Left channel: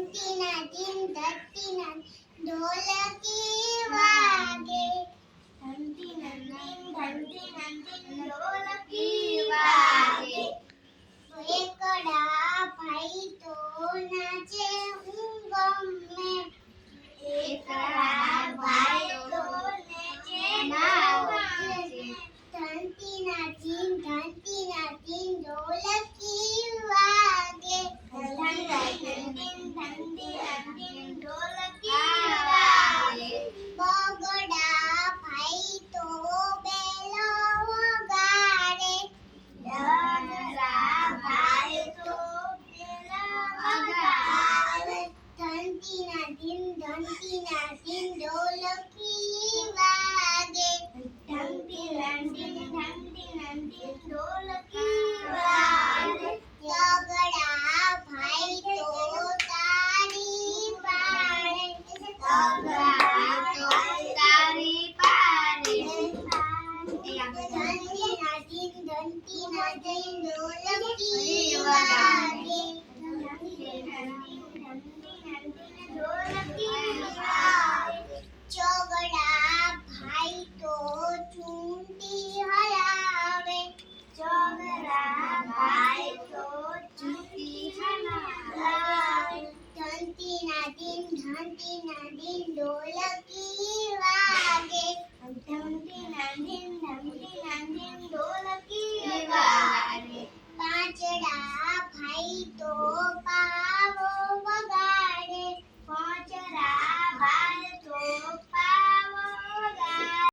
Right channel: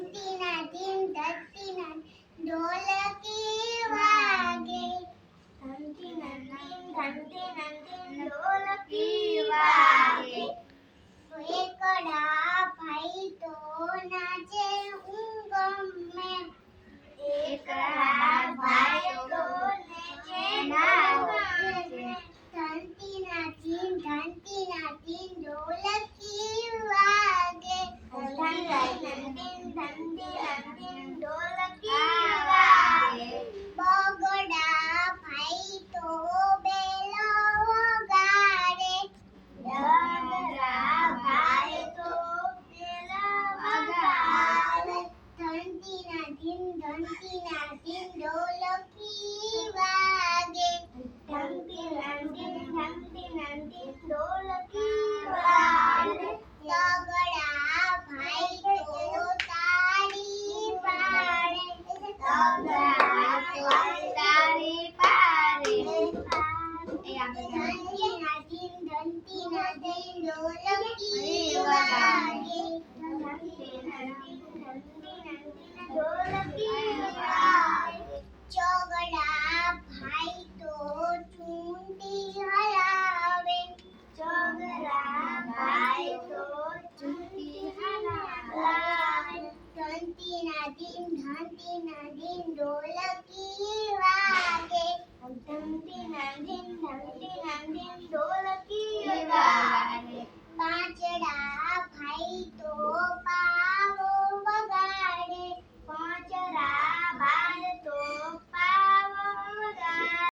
ઘંટીના ધીન ધરતીના ઢોલકી વાગે ઘંટીના ધીન ધરતીના ઢોલકી વાગે એકડા ભાઈ તો નાચે ઊંઘમે એકડા ભાઈ તો નાચે ઘંટીના ધીન ઢોલકી વાગે ઘંટીના ધીન ઢોલકી વાગે બગડા ભાઈ તો બેલો વગાડે બગડા ભાઈ તો બેલો વગાડે ઘંટીના ધીન ઢોલકી વાગે ઘંટીના ધીન ઢોલકી વાગે બગડા ભાઈ તો તાળી પાડે